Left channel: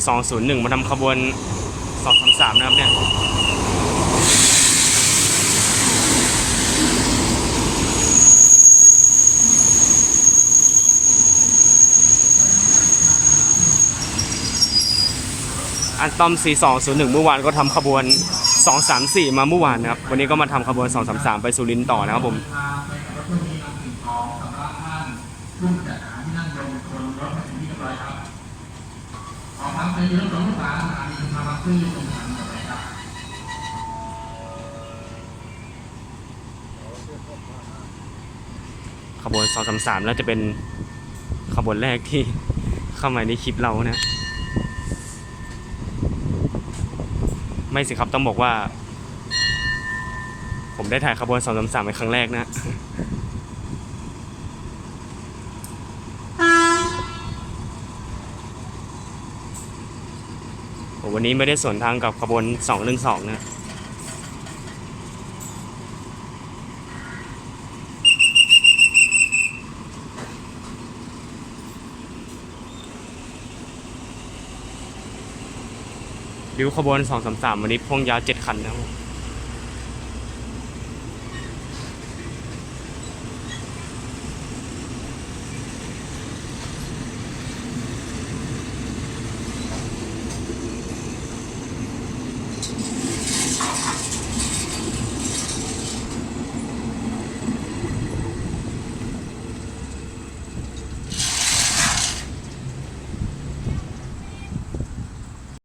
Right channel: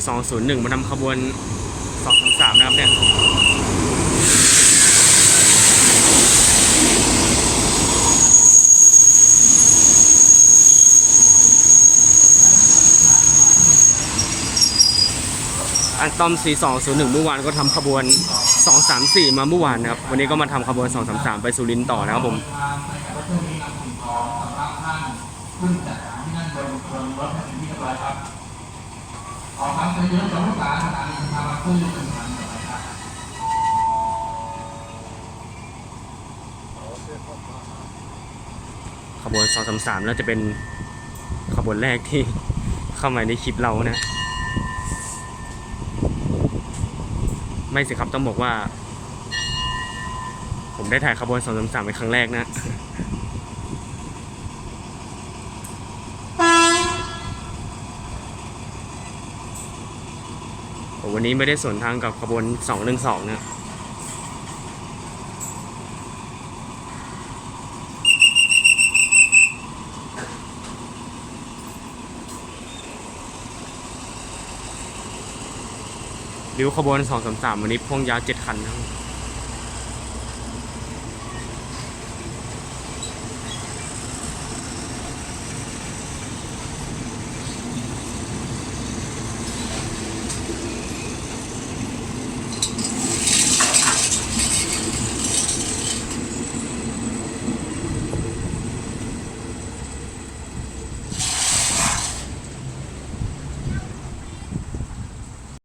4201 มาทำขบวน 233 นะครับเนี่ยอันตอม 4201 เมื่อวานก็ทำขบวน 234 มาเมื่อวานนะครับ วันนี้ก็มาทำขบวน 233 ไปสุรินทร์ต่อนะครับผมขบ วน233แล้วจะเป็นขบวนแรกที่เข้ามาในคลิปเรานะ ไม่สิครับต้องบอกว่า ผมได้ถ่ายขบวน233เป็นครั้งแรกนะ วันนี้ไม่ได้สวนทางกับขบวน212นะริ้วขบวน233 วันนี้พ่วงยาว 7 คันนะครับ